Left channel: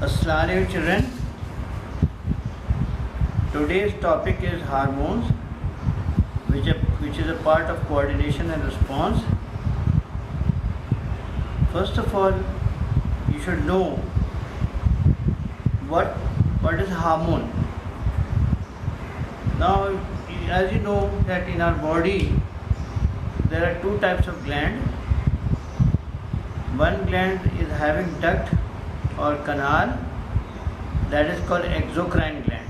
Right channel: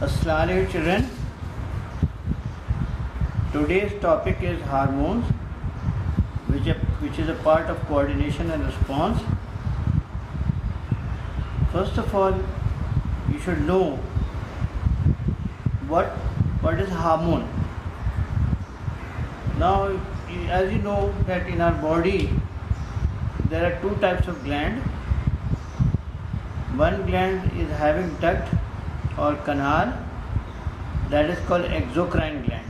Assalamu alaikum children. Today's topic is hormones, which is a part of coordination and response. First of all, you should know what is hormone. Now, as you know that in our body there are two types of gland. One gland is having duct or canal, that is called exocrine gland,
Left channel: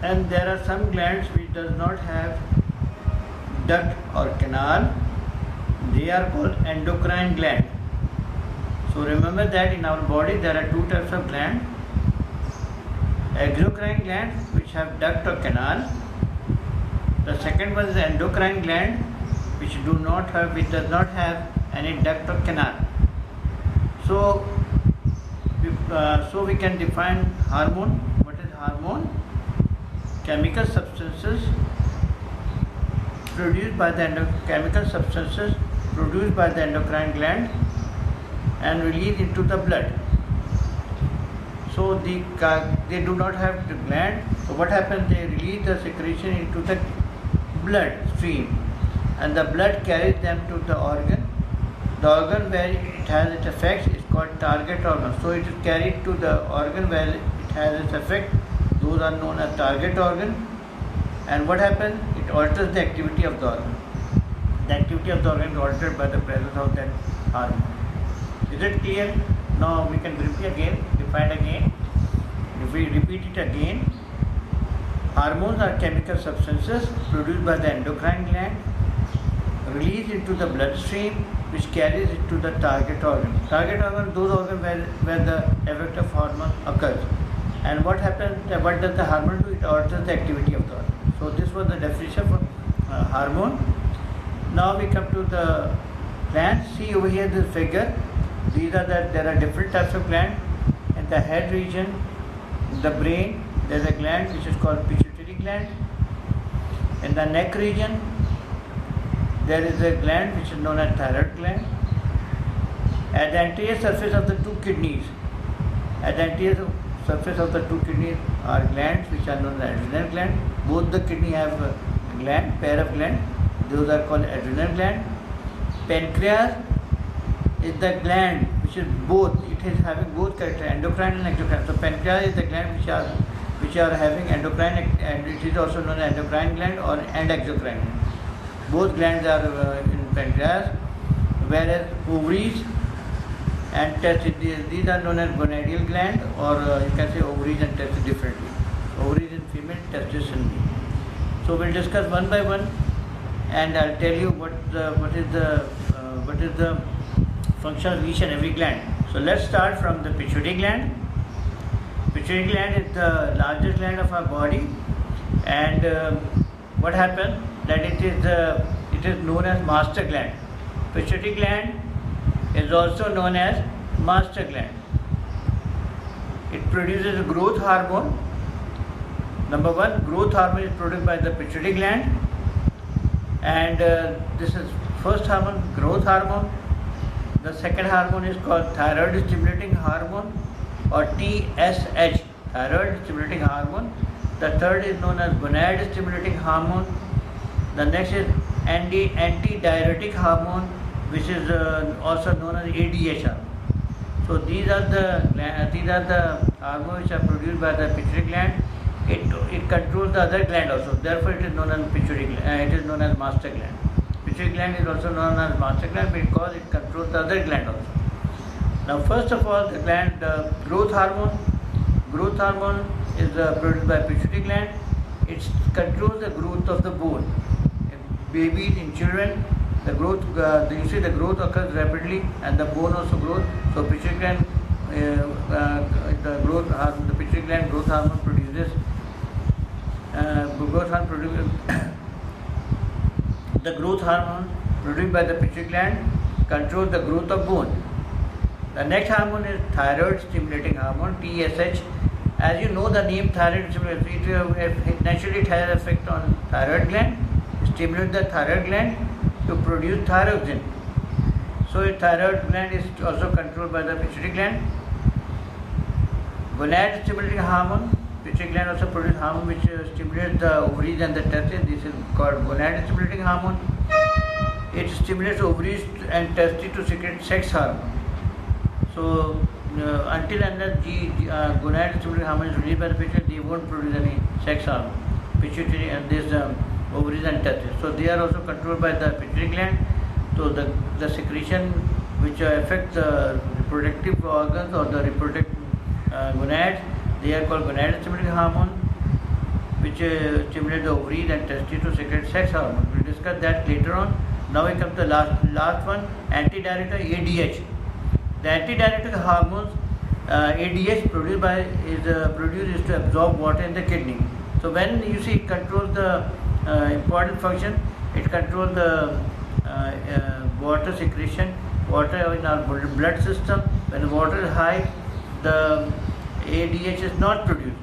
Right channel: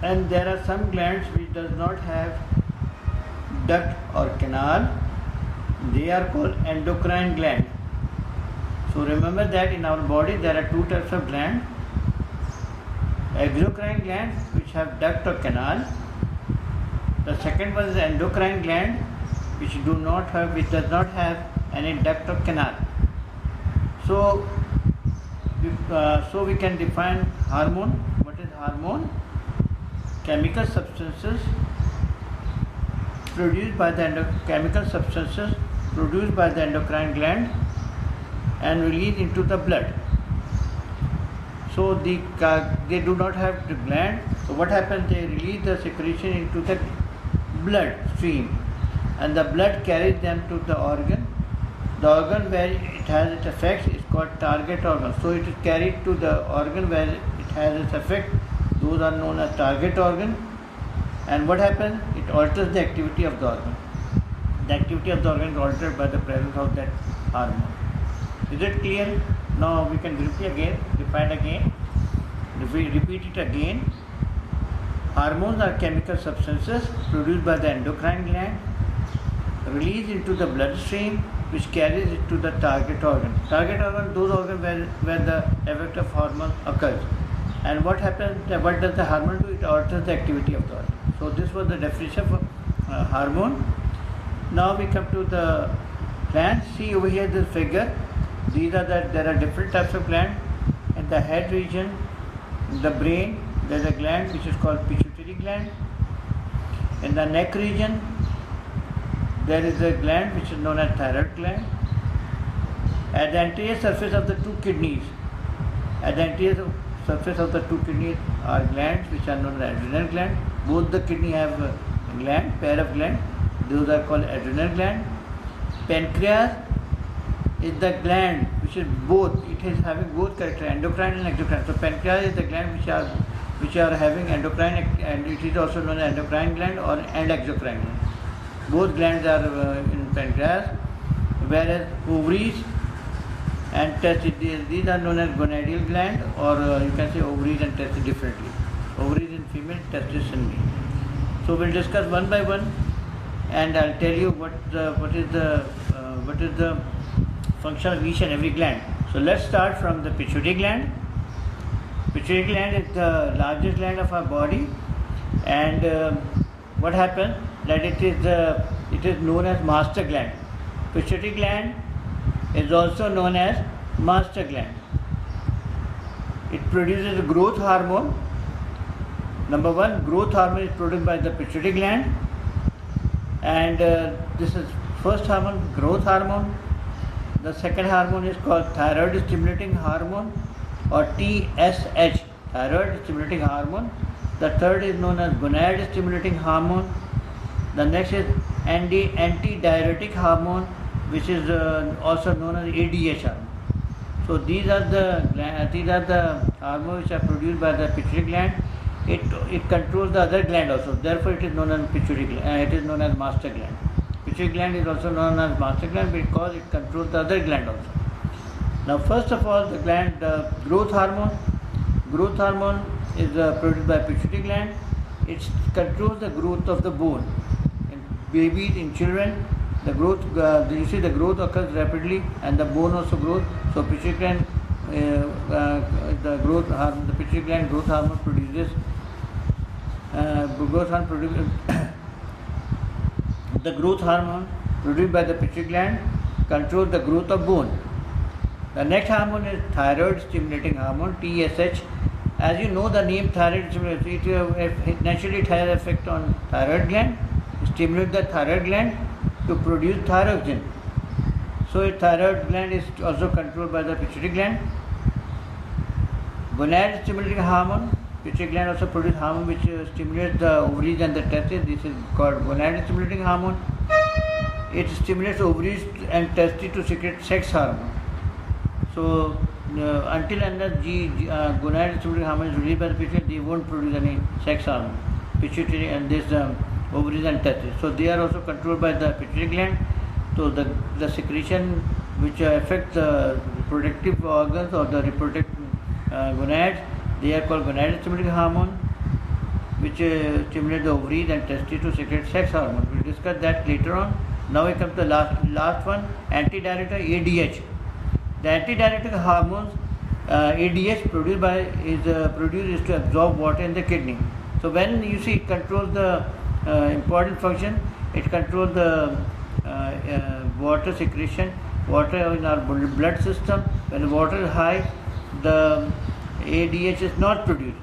and there are some glands which does not have duct or canal. They are called endocrine gland. So remember that in our body there are two types of gland: exocrine gland which have duct or canal. The second one is endocrine gland which does not have any duct or canal. So we can define hormone. What is hormone? Chemical substances produced by the endocrine gland and released into the blood. So they do not have the gland. So what happens? They release the secretion into the blood stream, and the blood carries them to the organ. The organ where it has its effects is called target organ. So it is carried to the organ where it has its effect. Those are known as target organ. And what happens? It alters the activity of the organ. The activity of the organ is altered by the presence of that hormone. Is it clear? Now we can briefly define again. If we repeat it again, hormones are chemical substances produced by the endocrine gland, released into the bloodstream, which carries it to the target organ. Target organ, those organs where the effect of hormone occurs. And what happens? What does the hormone do? It alters the activity of the organ. So this was the definition of hormone. Now we come to the glands. See over here this figure. There are different types of glands. In the head region, in the brain, there is a gland which is called pituitary gland. In the neck region, there is a gland which is known as thyroid gland. At the anterior surface of the two kidneys, are glands which are known as adrenal gland. Both the kidney have a gland, pair of glands. Those are called adrenal gland. Pancreas is the gland which is both. It is having both character, endocrine and exocrine. So pancreas is the gland which are having endocrine, and it is also known as endocrine gland and exocrine gland. Both glands are in pancreas, whereas ovaries and testes, these are known as gonadal gland, or you can say ovaries and testes differently. Ovaries in female, testes in male. So we'll discuss one by one, and I'll tell you what is the function of each and every gland. So let's start from the pituitary gland. Pituitary gland is the largest gland of our body, and what happens? That it is known as master gland. Pituitary gland is also known as master gland. It produces growth hormone. Number one, growth hormone is produced by the pituitary gland, and this is first hormone, growth hormone. The second hormone is called thyroid stimulating hormone, or TSH, thyroid stimulating hormone. The third is known as gonad stimulating hormone. The next is antidiuretic hormone, which is also known as ADH hormone. So these are the hormones which are produced by the pituitary gland. It controls the other gland also. Therefore, it is known as pituitary gland. It is known as master gland. Pituitary gland is also known as master gland because it controls the other gland also. Now, first of all, the growth hormone. Growth hormone is produced by pituitary gland. It controls the growth of the bone. In babies, in children, the growth occurs rapidly, and the bone also grows. So pituitary gland, the pituitary gland growth hormone produces. The growth hormone produced by the pituitary gland controls the growth of bone. The next hormone is thyroid stimulating hormone, TSH. As you know the name thyroid stimulating, it naturally has effect on thyroid gland, stimulate the thyroid gland to produce thyroxine. So a thyroid gland is also controlled by the pituitary gland. Gonad stimulating hormone. Pituitary gland also produces hormone which stimulates the ovaries and the testes. This is called gonad stimulating hormone. It stimulates ovaries and testes to secrete sex hormone. So until unless gonad stimulating hormone is released by the pituitary, they won't produce any sex hormone. Pituitary and this ovaries and testes. So they are also controlled by the pituitary gland. So the secretion which affect the reproductive organs or the reproductive gonads, they are called gonad stimulating hormone, which stimulate the ovaries and testes to secrete sex hormone. We'll discuss that later on. Now we come to the last one, antidiuretic ADH. The antidiuretic hormones ADH produced is to absorb water in the kidney. So when you see it controls the important function, it controls the water secretion, water in our blood system. When the water is high, the ADH is not produced.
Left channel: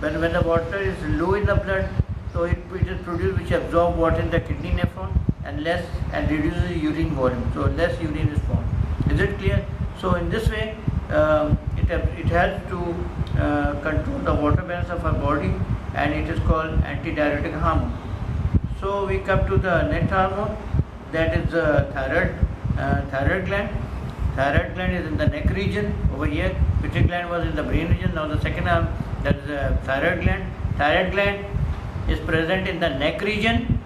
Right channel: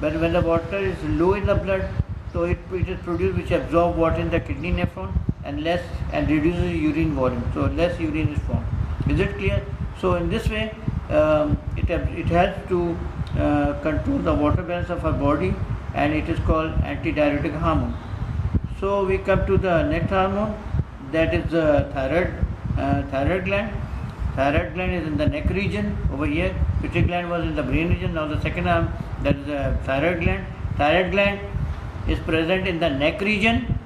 But when the water is low in the blood, so it is produced which absorb water in the kidney nephron and reduces urine volume. So less urine is formed. Is it clear? So in this way, it helps to control the water balance of our body, and it is called antidiuretic hormone. So we come to the next hormone, that is the thyroid gland. Thyroid gland is in the neck region over here. Pituitary gland was in the brain region. Now the second arm, that is the thyroid gland. Thyroid gland is present in the neck region.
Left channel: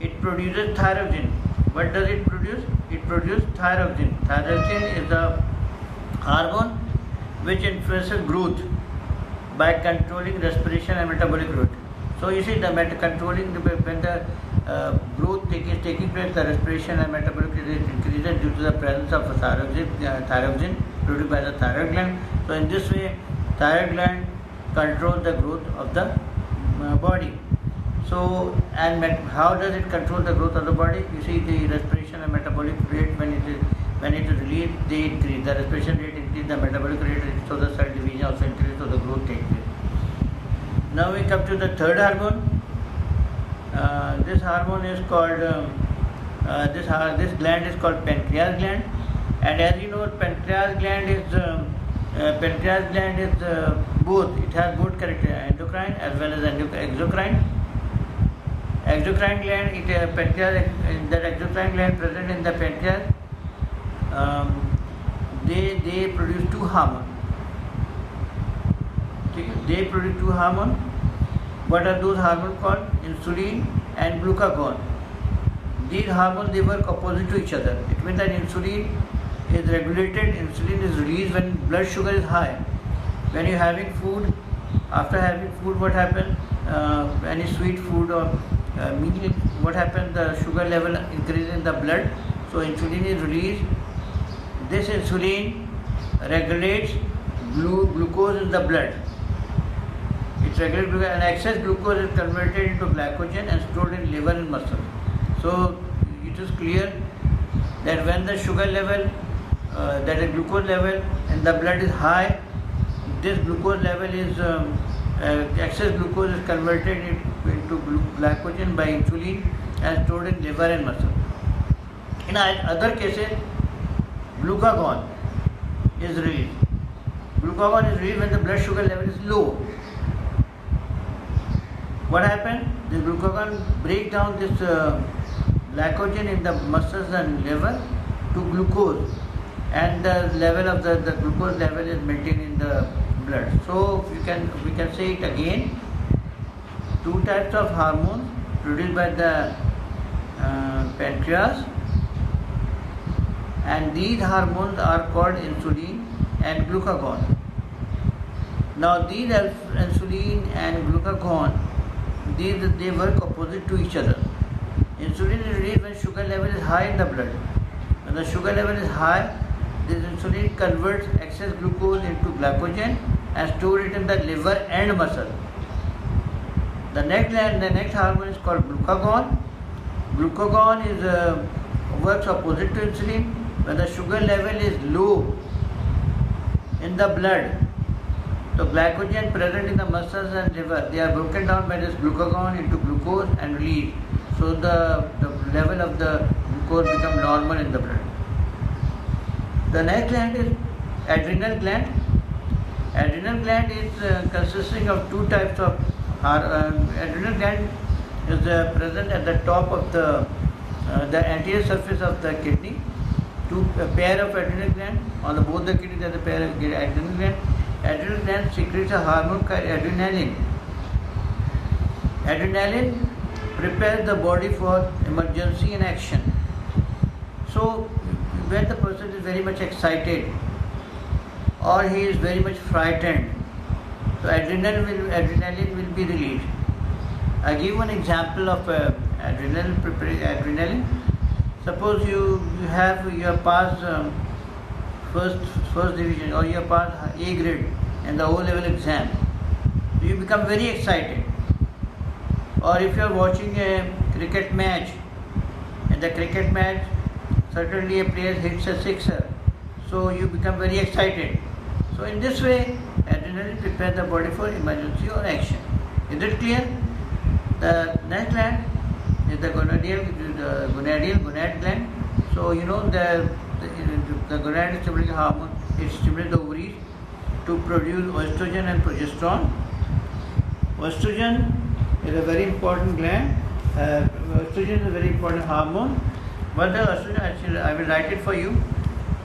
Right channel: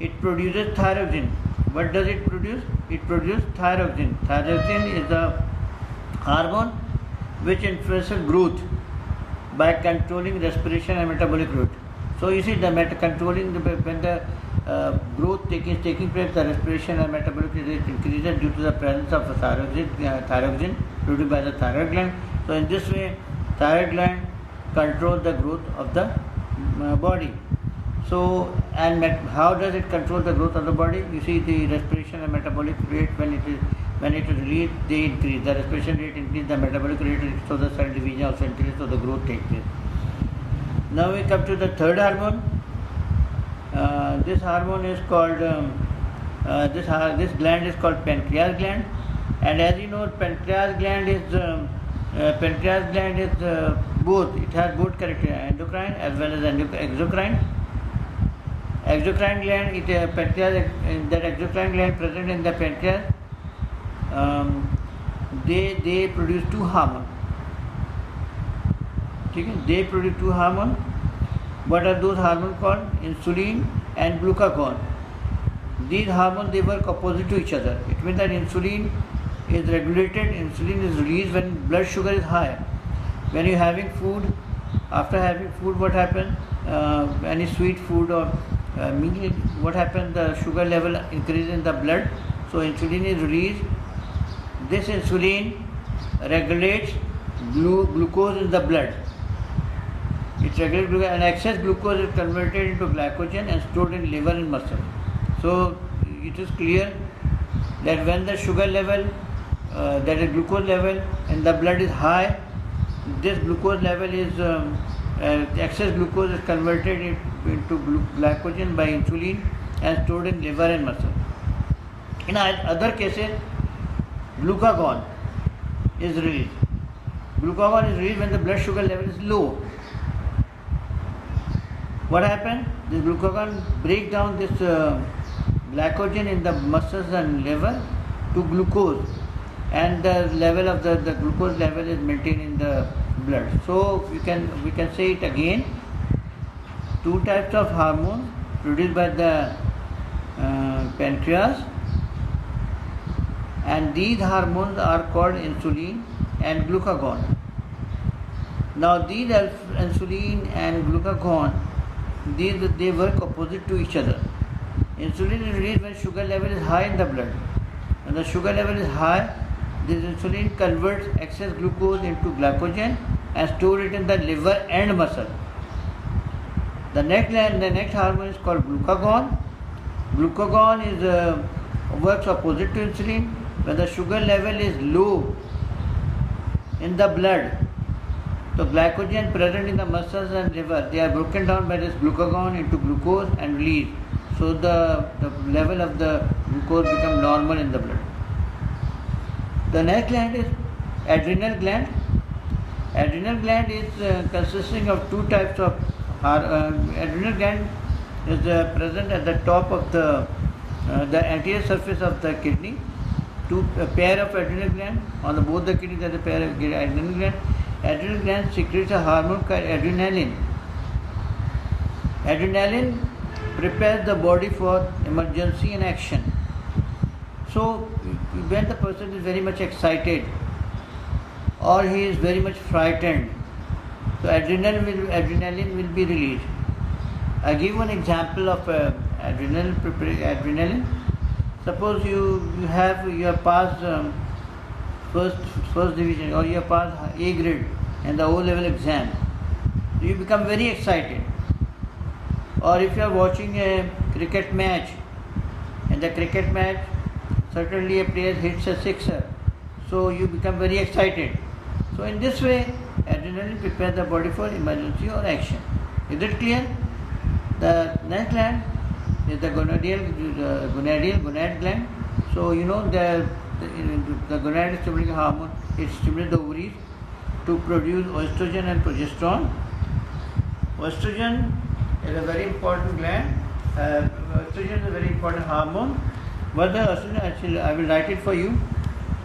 It produces thyroxine. What does it produce? It produces thyroxine. Thyroxine is a hormone which influences growth by controlling respiration and metabolic rate. So you see, controlling when the growth is taking place, the respiration and metabolic rate increases due to the presence of thyroxine produced by the thyroid gland. So in this way, thyroid gland controls the growth of the body. So, and how does it control the growth of the body? You see, the respiration and metabolic rate, when it is released, they increase. The respiration rate increases, the metabolic rate increases, so the cell division also increases, so the growth takes place. Now we come to the third hormone. This hormone is called, this gland is called pancreas gland. And as you know, pancreas gland is both. It has both character, endocrine as well as exocrine. Exocrine gland, that exocrine gland present in the pancreas, they produce two hormones. They produce two hormones. What are those hormones called? Insulin and glucagon. These hormones, they work opposite to each other. It means that insulin is regulated, insulin is released when blood sugar is high. When you're having food, after having food, what happens? Any sweet food or meal, what happens? The sugar level increases in the blood, so insulin is released. This insulin regulates glucose in the blood. It regulates glucose, and excess glucose is converted into glycogen and stored in liver and muscle. So it is clear that when the sugar level, that is glucose level in the blood is high, this glucose level is excess glucose is converted into glycogen by insulin and stored in liver and muscle. In other cases, glucagon is released. Glucagon is released when the blood sugar level is low. What happens? The glucagon breaks down this glycogen in the muscles and liver to glucose, and the level of the glucose level is maintained in the blood. So we can say it again. Two types of hormones produced by the pancreas, and these hormones are called insulin and glucagon. Now these insulin and glucagon, they work opposite to each other. Insulin is released when sugar level is high in the blood. When the sugar level is high, this insulin converts excess glucose into glycogen and stores it in the liver and muscle. The next hormone is called glucagon. Glucagon works opposite to insulin. When the sugar level is low in the blood, so glycogen present in the muscles and liver, they are broken down by this glucagon into glucose and released. So the level of the glucose becomes normal in the blood. The next gland is adrenal gland. Adrenal gland is consisting of two types of adrenal gland is present at the top of the anterior surface of the kidney. A pair of adrenal gland on both the kidneys. There is a pair of adrenal gland. Adrenal gland secretes a hormone called adrenaline. Adrenaline prepares the body for emergency and action. So when the person is very much excited or he is very much frightened, so adrenaline will be released. I give one example of adrenaline. Suppose you have passed first division, or you have passed A grade in the O-level exam. You become very excited. Or if you are watching a cricket match, in the cricket match, certainly a player hits a sixer, so you become very excited. So in this way, adrenaline prepares the body for emergency or action. Is it clear? The next gland is the gonad gland. So you know the gonad is stimulating hormone. It stimulates the ovaries to produce estrogen and progesterone. Estrogen is a very important gland. Estrogen is a very important hormone. But the estrogen, actually, I will write it for you.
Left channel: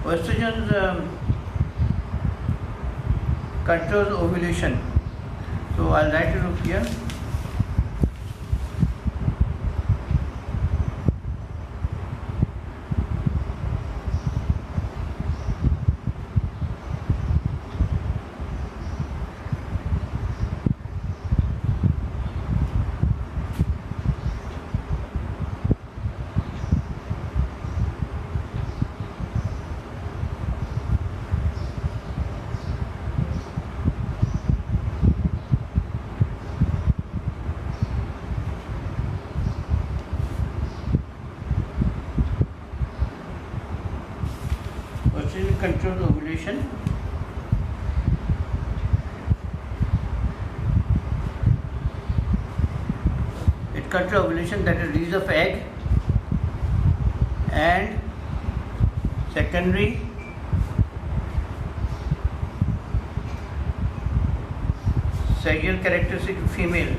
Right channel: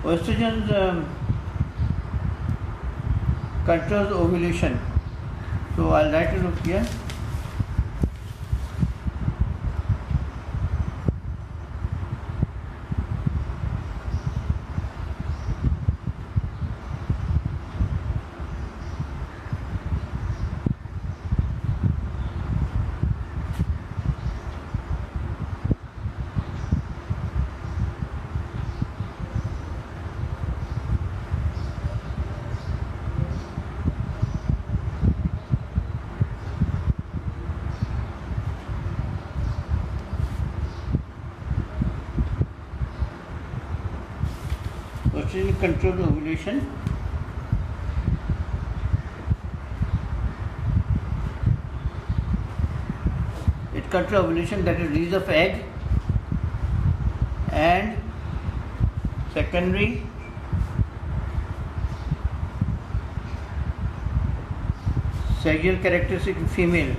Estrogen controls ovulation. So I'll write it up here. Estrogen controls ovulation. It controls ovulation, that is release of egg, and secondary sexual characteristic in female.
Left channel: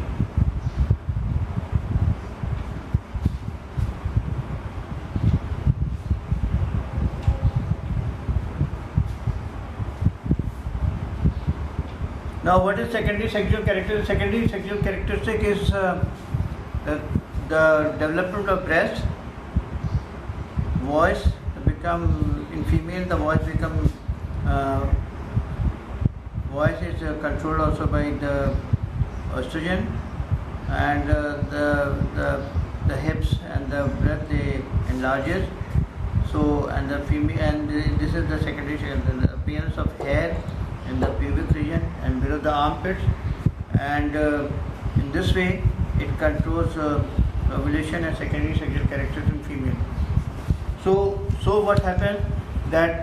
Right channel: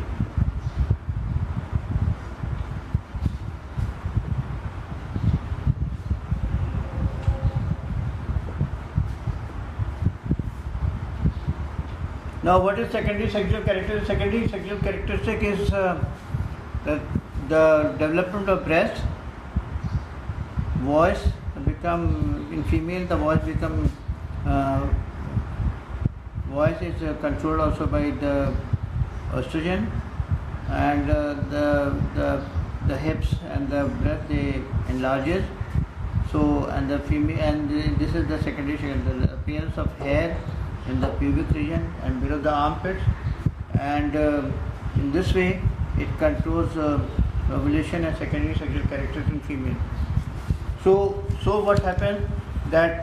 Now, what is secondary sexual characteristic? Secondary sexual characteristic is the development of breast, voice become, in female the voice become, voice is controlled also by the estrogen, and the hips and the breast they enlarges. So, and the female, and this is the secondary, the appearance of hair in the pubic region and below the armpits, and in this way it controls ovulation and secondary sexual characteristics in female. So what happens that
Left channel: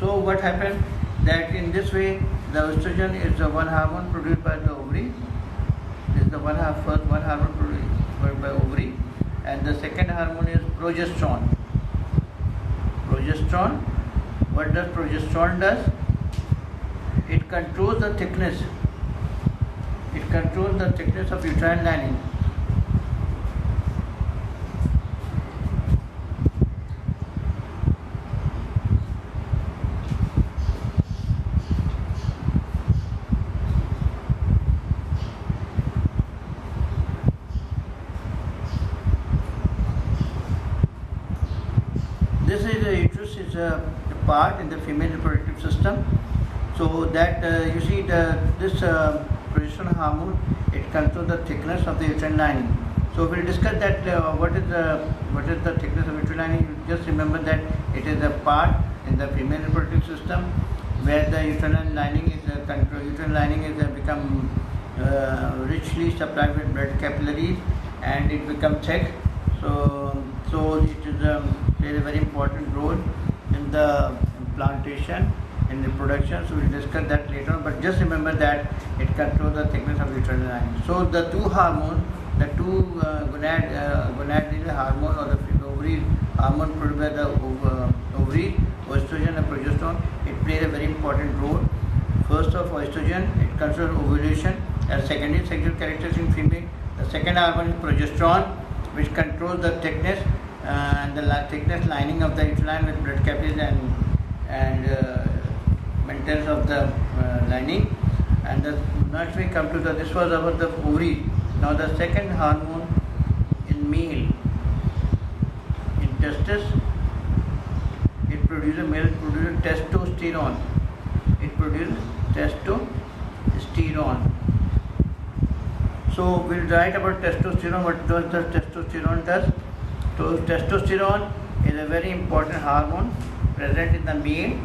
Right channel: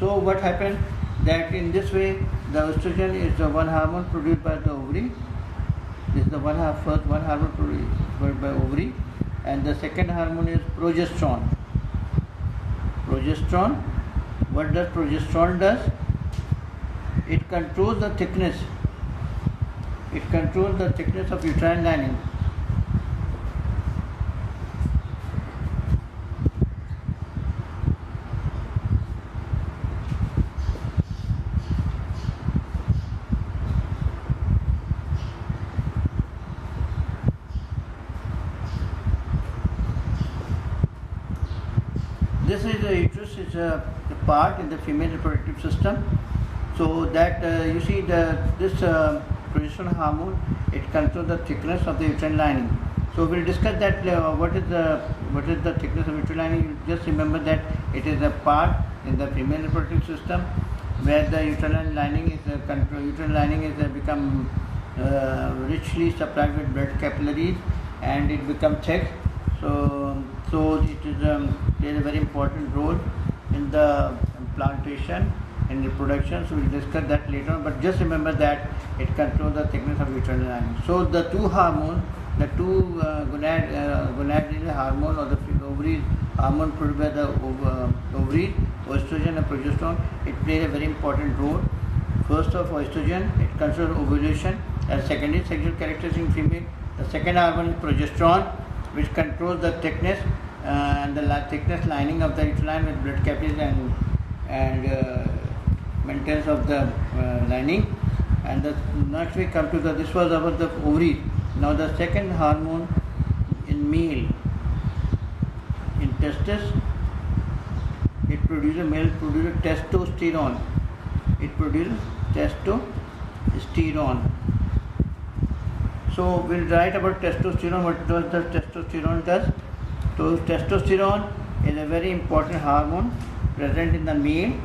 what happens that in this way the estrogen is the one hormone produced by the ovary. This is the first one hormone produced by ovary, and the second hormone is progesterone. Progesterone. What does progesterone does? It controls the thickness. It controls the thickness of uterine lining. This is the uterus, is a part in the female reproductive system. So that you see this progesterone hormone, it controls the thickness of the uterine lining. So we'll discuss that what is the thickness of uterine lining. Just remember that it is a part in the female reproductive system where the uterine lining is become richly supplied with blood capillaries, and it becomes thick. So it is plays a very important role in the implantation and reproduction. So we'll discuss that later on. But just remember that it controls the thickness of uterine lining. So the two hormones The two gonadal hormone or the ovaries hormone produced by the ovaries, estrogen and progesterone, it plays a very important role. First of estrogen, it controls ovulation and secondary sexual characteristics in female. The second hormone is progesterone, which controls the thickness and the thickness lining of the uterine with blood capillaries and maintenance of the lining. And next we come to this was about the ovary. Now the second hormone in male, in testes, male produces testosterone. It produces testosterone. So we'll write about testosterone. What does the testosterone does? So testosterone is a very important hormone present in the male.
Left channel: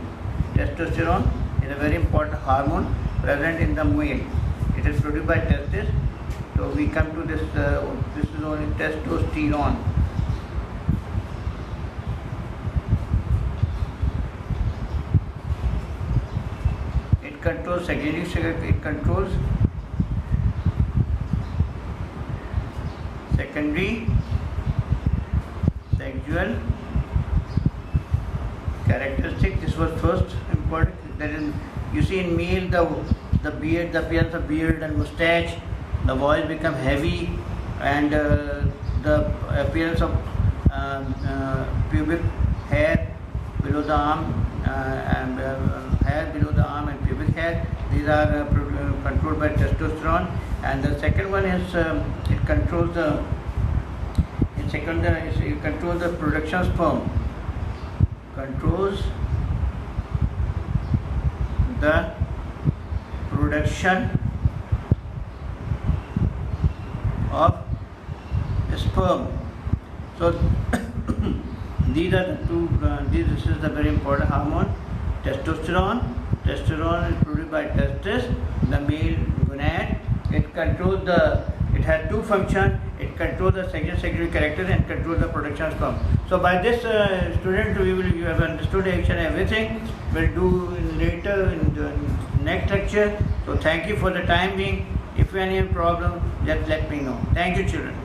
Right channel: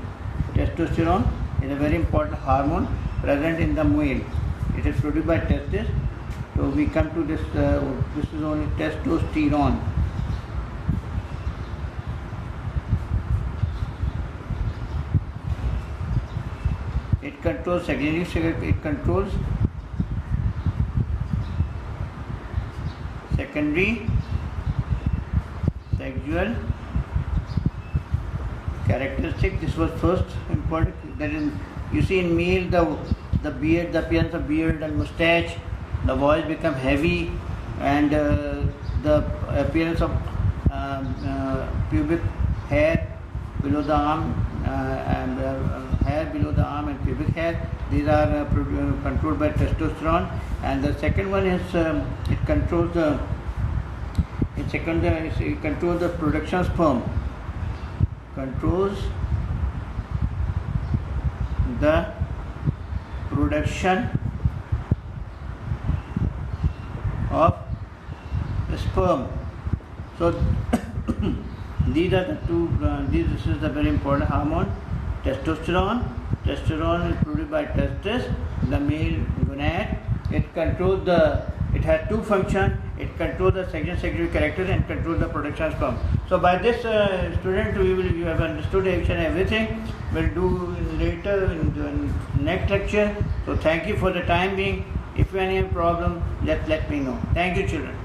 Testosterone is a very important hormone present in the male. It is produced by testes. So we come to this. This is only testosterone. It controls secondary sexual. It controls secondary sexual characteristic. This was first important. That is, you see in male the beard, the appearance of beard and mustache, the voice become heavy, and the appearance of pubic hair below the arm, hair below the arm and pubic hair. These are controlled by testosterone. And the second one is it controls the production of sperm. Controls the production of sperm. So these are the two. This is the very important hormone, testosterone. Testosterone is produced by testes, the male gonad. It controls the. It has two functions. It controls the sexual secretory characters and controls the production of sperm. So by this, student, you have understood each and everything. We'll do later in the next lecture. So thank you for the time being. If you have any problem, just let me know. Thank you, children.